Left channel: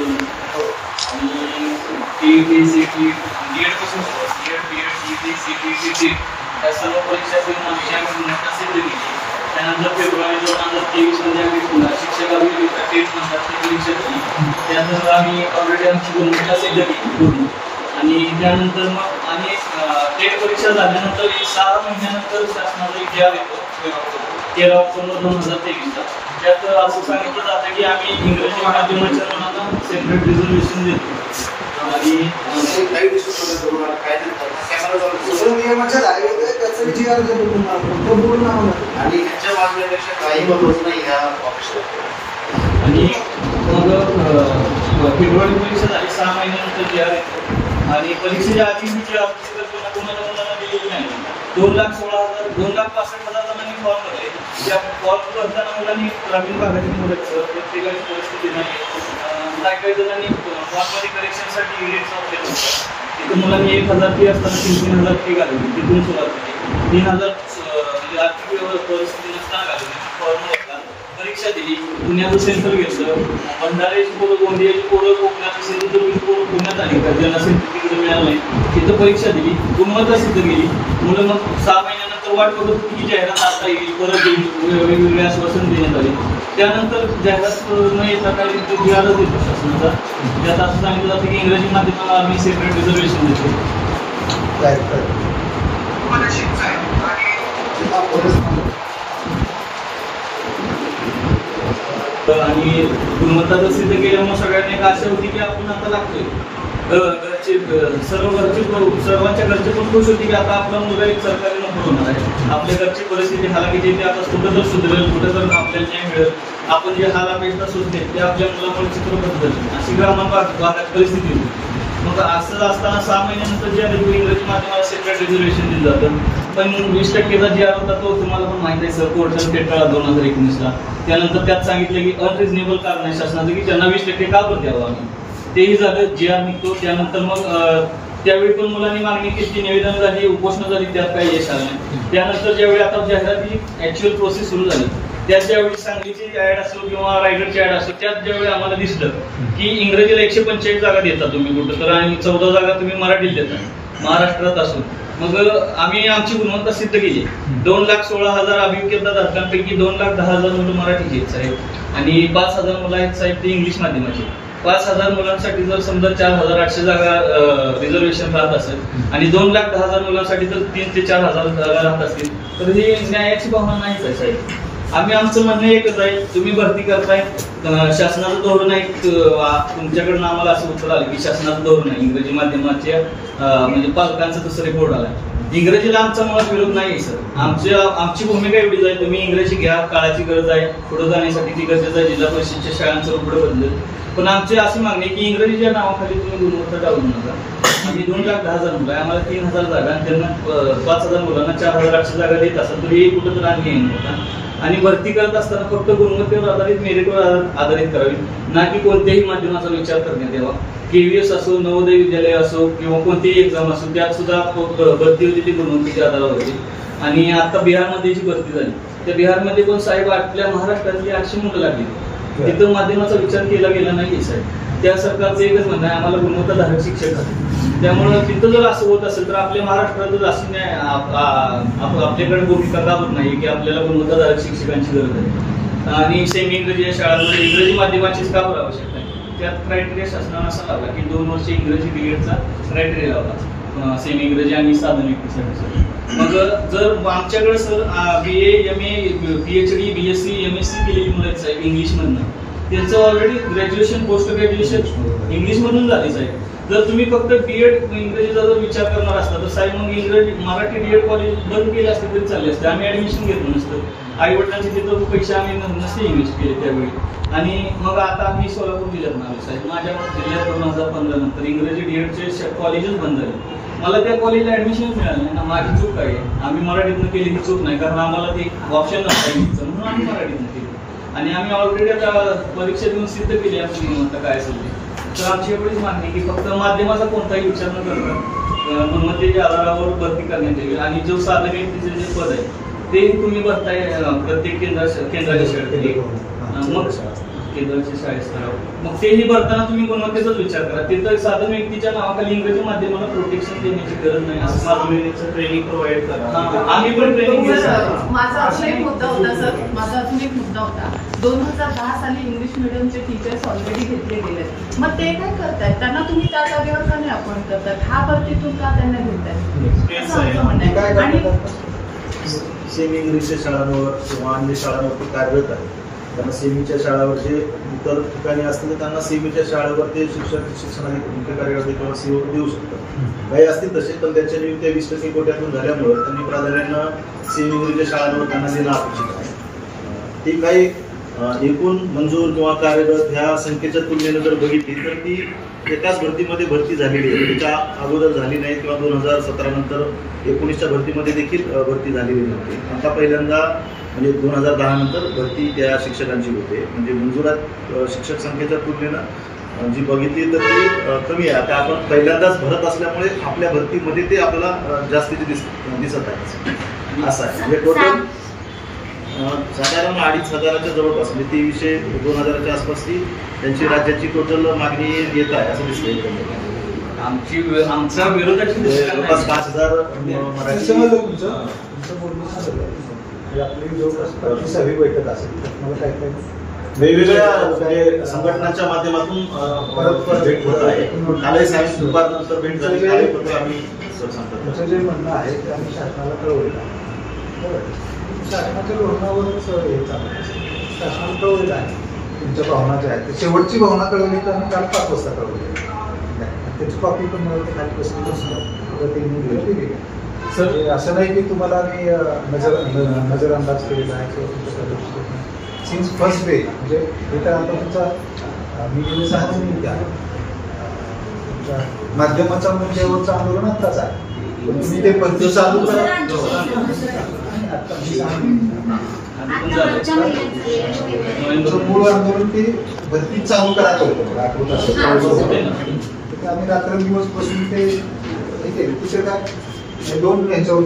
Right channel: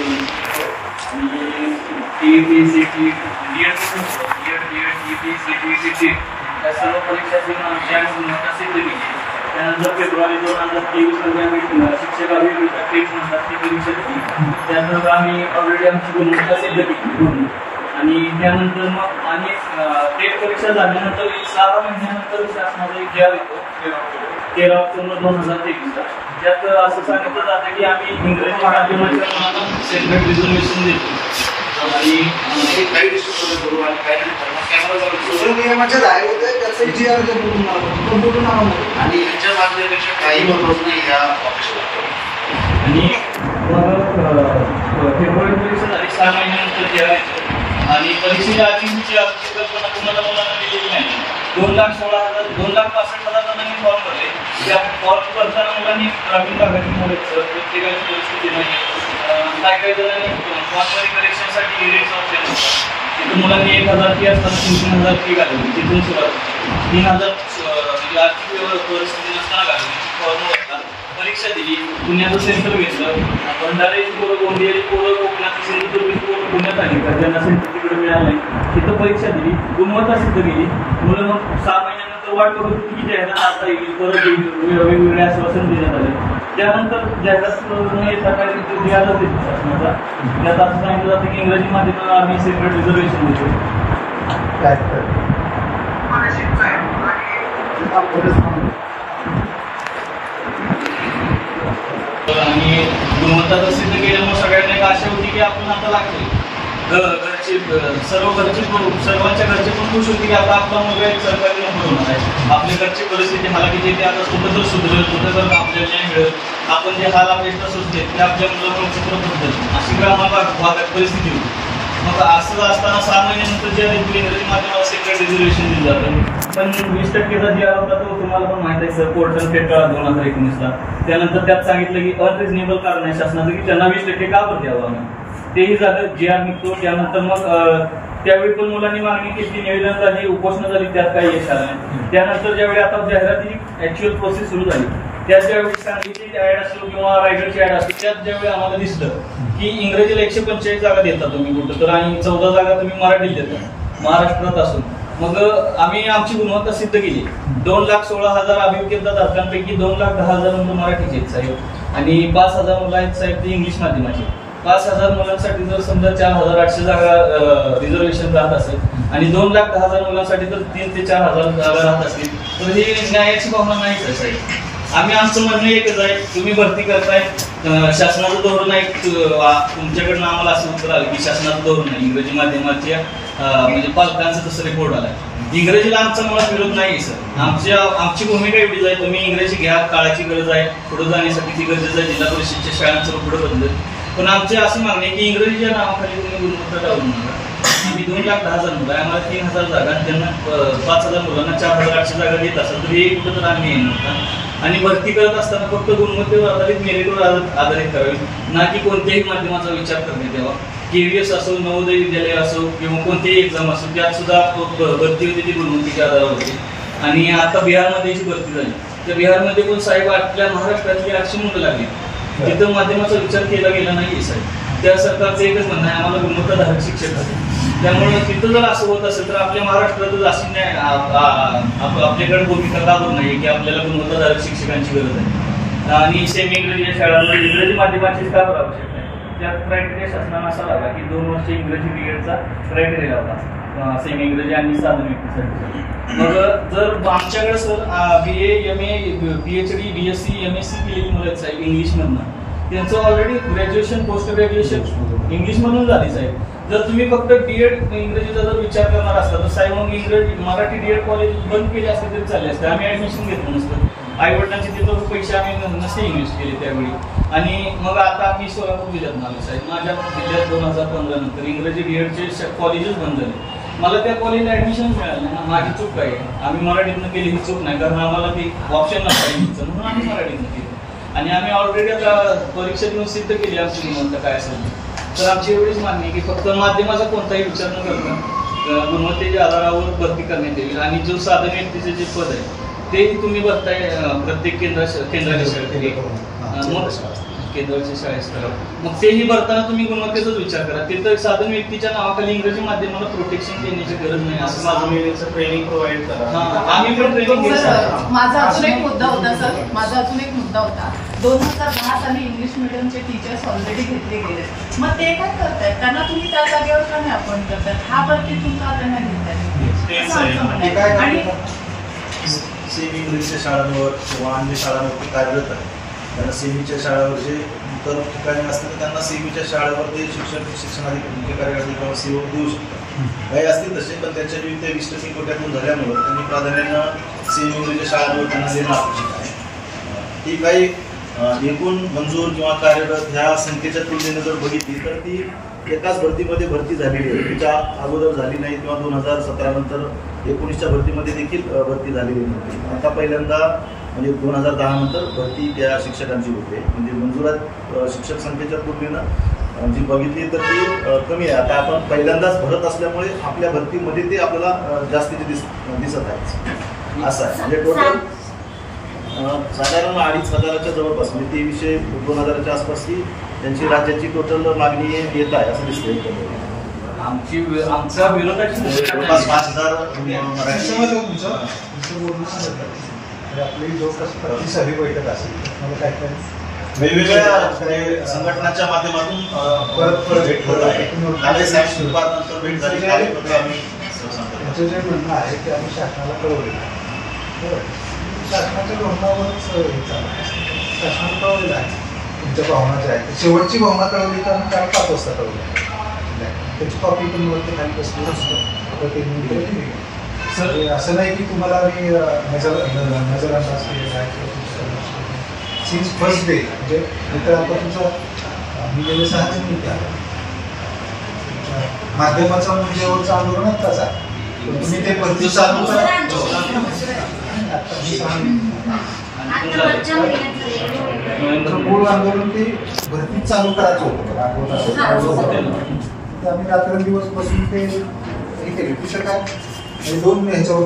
करून आणि TET CT CT या सर्व परीक्षा देऊन आमची आम्ही गुणवत्ता सिद्ध केली. त्यानंतर फेब्रुवारी 2023 मध्ये आम्ही शिक्षक अभियंता टेट म्हणतात ती परीक्षा दिली. त्यानंतर आम्ही ऑलरेडी आमची गुणवत्ता सिद्ध केली पूर्ण. आणि त्यानंतर मग आणि टेट परीक्षा झाल्यानंतर 6 महिन्यानंतर शासनाचा एक जी आर येतो 13 ऑक्टोबर 2023 त्यात असं सांगितलं जातं की आम्ही इंग्रजी माध्यमाच्या सेपरेट रिझर्वेशन देतो. आणि फेब्रुवारी परीक्षा झाली 6 महिन्यानंतर जी आर येतो. आणि परीक्षेच्या आधीची कल्पना कोणाला मुलांना दिलेली नाही. 2,16,000 2,65,000 जणांनी फॉर्म भरले. त्या फॉर्म भरताना मुलांनी ग्रामीण भागातील मुलं प्रत्येकाची परिस्थिती नाही. काही जणांनी फॉर्ममध्ये करेक्शनसाठी इरेक्ट ऑप्शन होता. तिथून मुलांनी 1,000 फी असताना 3,000 फी घालवली. तिथून सुरुवात 3,000 म्हणजे आर्थिक परिस्थिती नसताना घालवली. फॉर्म भरला, परीक्षा दिली. पुण्याचं सेंटर घेतलं. भंडाऱ्याची पोरं, गोंदियाची पोरं, कोकणाची सिंधुदुर्गची पोरं पुण्यात आली तर ज्यांना सेंटर तिकडे मिळालं नाही तिथं परीक्षा दिली, गुणवत्ता सिद्ध केली. मुलं मग 6 महिन्यानंतर वाट बघत होती की जाहिरात आता येईल, परत येईल, वेगवेगळे आश्वासन देण्यात आले. त्यानंतर जाहिरात न येता काय जी आरच देतो शासनाचा. त्यात असं सांगितलं जातं की इंग्रजी माध्यमाला आम्ही सेपरेट रिझर्वेशन देतो. आणि गुणवत्ता सिद्ध केल्यामुळे सगळ्यांना एक आशा होती की आपण आता लागतोय. घरचे सर्वांच्या घरचे पण खुश होती की आता आपला मुलगा एक सरकारी नोकरी होणार आहे. आपल्या घरची परिस्थिती हालाकीची ते आता कुठं तर सुधरेल, कुठं तर आपल्याला न्याय मिळेल. आपण जे हाल अपेक्षा सुचते ते आपल्या मुलामुळे चित्र बदलेल अशी ग्रामीण भागात परिस्थिती होती. मग असं असताना 6 महिन्यानंतर जे इंग्रजी माध्यमाला सेपरेट रिझर्वेशन दिलं जातं. पण 20% जी आर होता तो तुम्हाला पण माहिती आहे सर, पोर्टल स्टेट काळात 2019ला. त्यानंतर त्यात सांगितलं की अनरिजनेबल कारण आहे शासनाचं की त्यांना 20% का बरं द्यावं आम्ही. तेही झालं, जी आर निघतो. त्यानंतर मग त्यावेळी पण मुलांनी मागणी केली, निवेदन झाली, उपोषणं झाली, त्यात काही यश आलं नाही. त्यानंतर ज्यावेळी आता जाहिरातीची ऍक्च्युअल प्रोसेस सुरू झाली त्यात ज्यावेळी सांगलीची ऍड असो किंवा रायगडची ऍड असो त्यात ज्यावेळी आम्हाला दिसलं की इंग्रजीला 145 जागा देता तुम्ही कुठं तर आणि 14 जागा तुम्ही मराठीत देता महाराष्ट्रात असून. मग आम्ही आमची गुणवत्ता सिद्ध केली. 2,16,000 अभियोग्यताधारकांपैकी 2,10,000 मुलं मराठीचे आहेत साहेब आणि 5,000 मुलं आहेत साहेब ते इंग्लिश माध्यमाचे. 5,000 मुलांसाठी जर समजा 4,800 जागा रिझर्वेशन राहत असेल आणि 2,10,000 मुलांसाठी जर 3,000 ते 4,000 जागा राहत असतील तर ही न्यायाची भावना नाहीच आहे साहेब. आमचं म्हणणं एकच आहे, तुम्ही भरती करताय, शासनाचं धोरण आहे. तुमच्याकडनं आम्हाला असं उत्तर आलं की शासनाचं धोरण आहे इंग्रजी माध्यमाच्या म्हणजे पालकांचं तसं रिपोर्ट आलाय. इंग्रजीला आमचा मुळात विरोध नाही सर. आमची भूमिका एवढीच आहे, तुम्ही इंग्रजी घ्या, काळाची गरज आहे, पुढे जाण्यासाठी ती गरजेचं आहे. जिल्हा परिषदेच्या शाळांचं पुढे बदलत. पण आमचे असं मागणे की इंग्रजीच्या नावाखाली तुम्ही गुणवत्ता टाळू नका. आम्ही 2,10,000 मुलं आहे, आम्हाला 3,000 जागा आणि त्यांना 5,000 मुलांना 4,800 जागा देत असेल तर हे कुठं तर आणखी येणार होता. आणि भरती करत असताना फक्त गुणवत्तेवर आधारित, मेरिटवर आधारित करावी, ना की कोणत्याही माध्यमाचा विचार करण्यात यावा. KVS असो, नवोदय विद्यालय असो किंवा कोणतीही एक्झाम असो त्यात सुद्धा भरती होती ती गुणवत्तेच्या आधारावर होती. आणि आता बिहारमध्ये जी भरती झाली तर बिहारमध्ये पण साहेब आपल्या महाराष्ट्रातली 800 मुलं लागली. तिथं माध्यमाचा विचार केला गेला नाही साहेब. त्या सरकारचं एकच म्हणणं आहे आम्हाला गुणवत्ताधारक शिक्षक आहे. त्यामुळे तिथं जर असं होत असेल तर आपल्या महाराष्ट्रातच अशी नाही आपल्याकडे भूमिका का होत नाही की आपल्याला गुणवत्ताधारक शिक्षकांची गरज आहे. आणि सेमी इंग्रजी शाळांमध्ये इंग्रजी माध्यमाचीच का बरं आवश्यक आहे. त्यात क्रायटेरिया शासनानं असा लावला की 2 वर्ष इंग्रजी BEdचा क्रायटेरिया लावला सेमी इंग्रजी आणि साधन व्यक्तीसाठी. मग जर आमच्याकडे sir BA MA PhD BSc MSc केलेली मुलं साहेब इंग्लिशमधनं त्यांचं ऑलरेडी ग्रॅज्युएशन पोस्ट ग्रॅज्युएशन इंग्लिशमधून झाली साहेब. जर तुम्ही फक्त BEd इंग्रजीचा जर विचार करणार असता तर साहेब मग इंग्रजी मराठी DEd कॉलेज बंद केले असते तरी चालले असते. आम्ही ऍडमिशन घेतलं नसतं. आई वडिलांची तिथं पैसे आम्ही नसते इन्व्हेस्ट केले त्यावेळी. आणि मग आता आम्ही सोलापूर जिल्ह्यात आलो साहेब. माझ्या जिल्ह्यात 2015 नंतर इंग्रजी DEdचे कॉलेजेस बंद झाले. मला त्या कॉलेजला ऍडमिशनच मिळालं नाही ना. माझी चूक आहे. आम्ही मराठीतनं केली ही चूक नाही कारण आम्हाला ते ऑप्शन नव्हतं म्हणून आम्ही मराठीतनं केलं. आणि आम्ही ऑलरेडी आता परीक्षा देऊन सिद्ध केली आमची गुणवत्ता काय असेल. तर आमची एवढीच मागणी की फक्त माध्यमाचा कोणताही विचार न करता गुणवत्तेच्या आधारावर भरती करण्यात येईल. आणि जो साधन व्यक्तीचे जे पद आहे ते तुम्ही भरताय प्रत्येक केंद्राच्या केंद्राच्या शाळेस्तरावर. मग तेही भरताना तुम्ही गुणवत्तेचाच विचार करा. तिथं साधारण व्यक्तीच्या नावाखाली इंग्रजी माध्यमाला प्रोटेक्शन देण्याची गरज नाही. असं माझं ट्रेनिंग प्रोव्हाइड करा. आम्ही पण ट्रेनिंग घेऊ. माझा अजून एक मुद्दा होता सर, माझा अजून एक मुद्दा होता. 2010 साली इंग्लिश मिडियमचे टीचर्स ऑलरेडी घेतले गेले. मग ते काय करतायत? त्यांना तुम्ही त्या जागेवर का नाही अपॉइंट करतायत? हा भरतीतून का त्यांना घेतायत? आणि सेमी इंग्लिशच्या शाळांवर किंवा अन्य शाळांवरती कार्यरत आहे. त्यांना सेमीच्या शाळावर जे इतर ठिकाणी असतील त्यांना सेमीच्या शाळेवर ते शिक्षणाधिकारी मुख्य कार्यकारी किंवा सेवक देऊ शकतात. काही असतील तसे, पण त्यांच्या नियुक्त्या 20% कोट्यातून झाल्यामुळे त्यांनी प्राधान्यानं सेमी इंग्लिशच्या शाळांवर त्यांना देणं अपेक्षित आहे. ती काही एकूण मंजूर किंवा कार्यरत ह्या संख्येच्या तुलनेने जर बघितली तर ती एकाच भरतीमध्ये भरती झालेली आहे. त्याच्या अगोदर झाली नाही किंवा 2017 नंतर 19च्या भरतीमध्ये देखील भरती झालेली नव्हती. आता पहिल्यांदा म्हणजे 2010 नंतर भरती त्या शिक्षकांची होते. म्हणजे मंजुरात शिक्षक संख्येच्या तुलनेनं जी बघितली तर ती कमी आहे. आता आपण पहिल्यांदाच भरत असल्यामुळे आपल्या भरतीमध्ये ते आपल्याला जास्तीचे दिसत आहे. असं आहे. म्हणजे टोटल साधारण 2,500च्या जवळपास म्हणजे 2300-2000च्या आसपास ती त्यांची राज्याची टोटल मागणी येत आहे असं दिसतंय. आमचा विरोधाची जवळपास 5,000 आपली जवळपास 30वी बैठक असेल. मला काय काय वेगवेगळ्या संघटनांच्या माध्यमातून भेट होत आहे. सायन्स डिपार्टमेंटनंतर भेट झाली. तुमचं जे म्हणणं आहे ते आम्ही शासनाला कळवलं आहे. शासनाच्या धोरणावरच चालू शासनाला कळवलेलं आहे. तुमच्या भावना ज्या आहेत शेवटची भावना कळवली तर आम्ही काल 5 वाजता कळवली. त्याची कॉपी पण मला खाली बसली. सर असं नाही की तुम्हाला आम्ही नजरअंदाज केलेला आहे किंवा तुमच्या सिन्स फर्स्ट डे म्हणजे हे तर आता तुमचा मी गेले 6 महिने त्या माध्यमाचा मुद्द्यावरचं आंदोलन आत्ताच आहे. तुम्ही ते भरती चालू करा. मूळ आंदोलन ते भरती चालू करायचं होतं बघा. आठवत असेल आम्ही रात्रंदिवस बसून ते हे केले. कुठं काय 2 ह्याच्यावर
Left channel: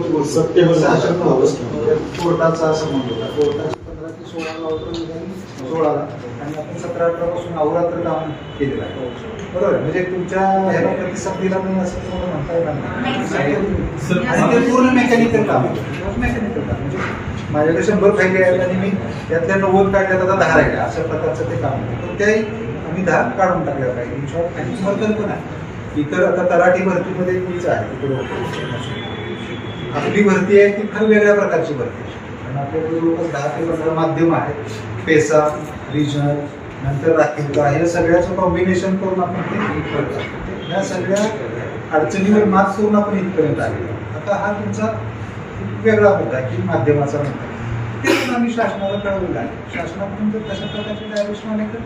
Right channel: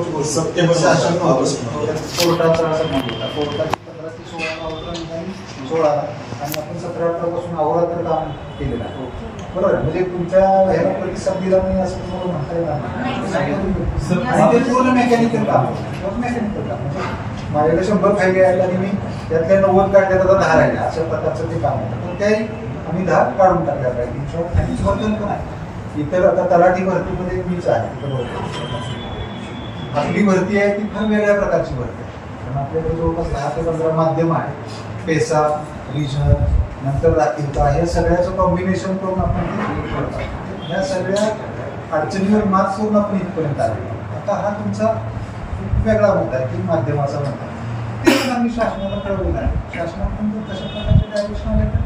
कोर्टाचा असा म्हणत होता. कोर्टाची 15 ते 16 ऑर्डर निघाली 16ला आणि आपण 17-18 पासून अहोरात्र काम केलेलं आहे. बरोबर आहे. म्हणजे तुमच्या ह्याला प्रतिसाद दिला नाही असं तुम्हाला म्हणता येणार नाही. आणि ते पूर्ण मेकॅनिकल काम मेकॅनिकल काम म्हणजे माझ्याकडे 100 फायले आहेत आणि मी त्यातल्या 90 काढल्या तर 10 राहिल्या अशा प्रकारचं ते काम होतं. पण त्याही आम्ही 10 काढून टाकल्या पाहिजे. इन शॉर्ट नाही वर्तन पण आहे. इतर आता तलाठी भरतीमध्ये मीच आहे. तिकडे होतो आपली भरती आहे ती फार वेगळ्या प्रकारची भरती आहे. कारण आपल्याकडे जवळपास 10 ते 15 माध्यम आहेत. पेसा, रिजनल, नंतर राखीवता हे सगळ्याचं कॉम्बिनेशन करून आपण ते करतो. ह्या सगळ्या अडचणीवर मात करून आपण इथपर्यंत आलेलो. आता हा तुमचा वेगळा मुद्दा आहे की माध्यमाचा मुद्दा. ते पण आम्ही शासनाला कळवलेलं आहे. शासनाकडून जर तशा प्रकारचे डायरेक्शन आले तर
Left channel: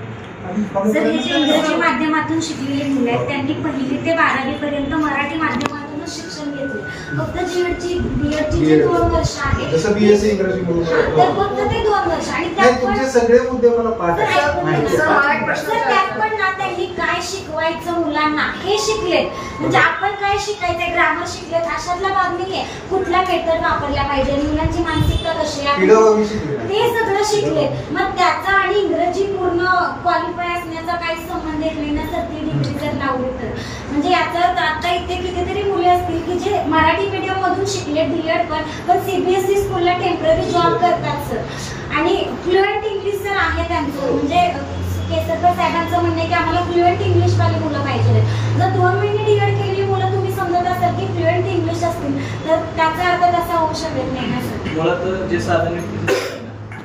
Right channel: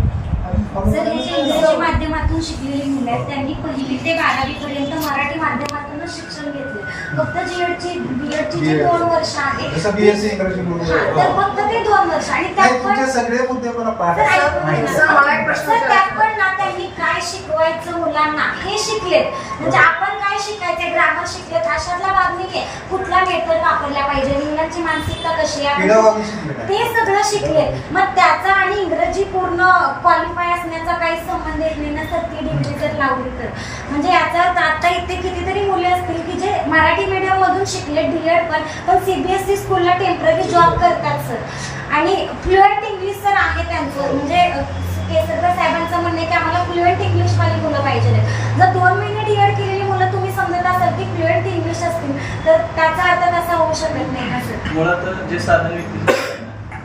इंग्रजी माध्यमातून शिकलेली मुलं आहेत त्यांनी 1ली ते 12वी पर्यंत मराठी माध्यमातूनच शिक्षण घेतले. फक्त बीएडची जी 2 वर्ष आहेत जसं बीएससी इंग्रजी तर फक्त ते 2 वर्ष आणि त्यात पण सगळे मुद्दे मला पाठ त्यात पण ना त्यांनी काय शिकवायचं मुलांना हे शिकलेत. म्हणजे आपण काय शिकायचं ग्रामर शिकलेत अशातला भाग नाहीये. कुठला मेथड वापरल्या पाहिजे मुलांची मानसिकता कशी आहे ते सगळं शिकलेत. मग त्याचा आणि इंग्रजी पूर्ण क्वालिफाय असण्याचा काही संबंध येत नाही ना सर. ती डिग्री जर लावली तर म्हणजे याचा आता इथे कितीतरी मुले असतील की जे मराठी मीडियम मधून शिकले डीएड पण सीबीएसई स्कूलला टेम्पररी जॉब करतात सर. आणि फ्लुएंट इंग्लिश सर आहे त्यांचं. म्हणजे केसरकर साहेबांचं म्हणणं आहे की आम्हाला फ्लुएंट इंग्लिशवाली मुलं पाहिजे. जर 2 महिने डीएड केलेली मुलं तुम्ही समजत असाल की फ्लुएंट इंग्लिश असतील तर त्याचा अर्थ तसा होऊ शकत नाही ना सर. मुळात जे साधन व्यक्ती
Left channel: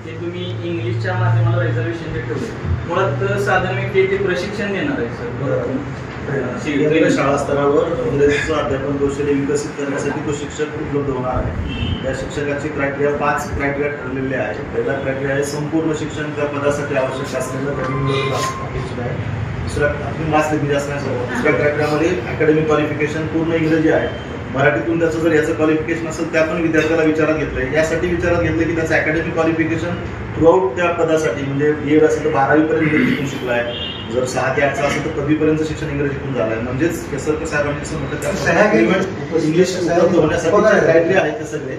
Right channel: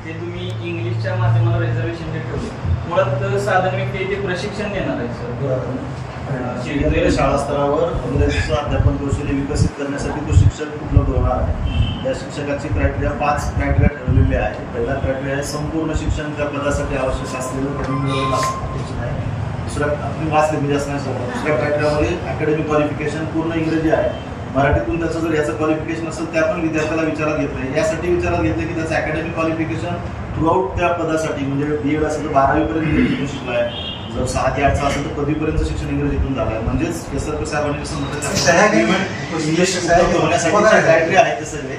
ते तुम्ही इंग्लिशच्या माध्यमाला रिझर्वेशन ठेवले. मुळात साधन व्यक्ती ते प्रशिक्षण देणार आहे सर. शाळा स्तरावर इंग्रजीचं अध्यापन कौशल्य विकसित करण्यासाठी तो शिक्षक उपलब्ध होणार आहे. त्या शिक्षकाची क्रायटेरिया 5 क्रायटेरिया ठरलेले आहे. पहिला क्रायटेरिया आहे संपूर्ण शिक्षण त्या पदासाठी आवश्यक असलेलं अपेक्षित आहे. दुसरा आपण वाचले मी जास्त नाही. दुसऱ्या क्रायटेरियामध्ये अकॅडमिक क्वालिफिकेशन पूर्ण इंग्रजी आहे. मराठीतून त्याचं जर याचं क्वालिफिकेशन असेल त्या पण विद्यार्थ्याला विचारात घेतलंय. यासाठी विचारात घेतलं की त्याचं अकॅडमिक क्वालिफिकेशन थ्रूआउट त्या पदासाठी म्हणजे बीएड असेल तर 12वी पर्यंत इंग्रजीतून शिकलाय. जर 6 ते 8चा असेल तर 10वीपर्यंत शिक्षण इंग्रजीतून झालंय. म्हणजेच केसरकर साहेबांनी असं म्हटलं त्या इंग्लिश होण्यासाठी क्रायटेरिया आहे ते सगळे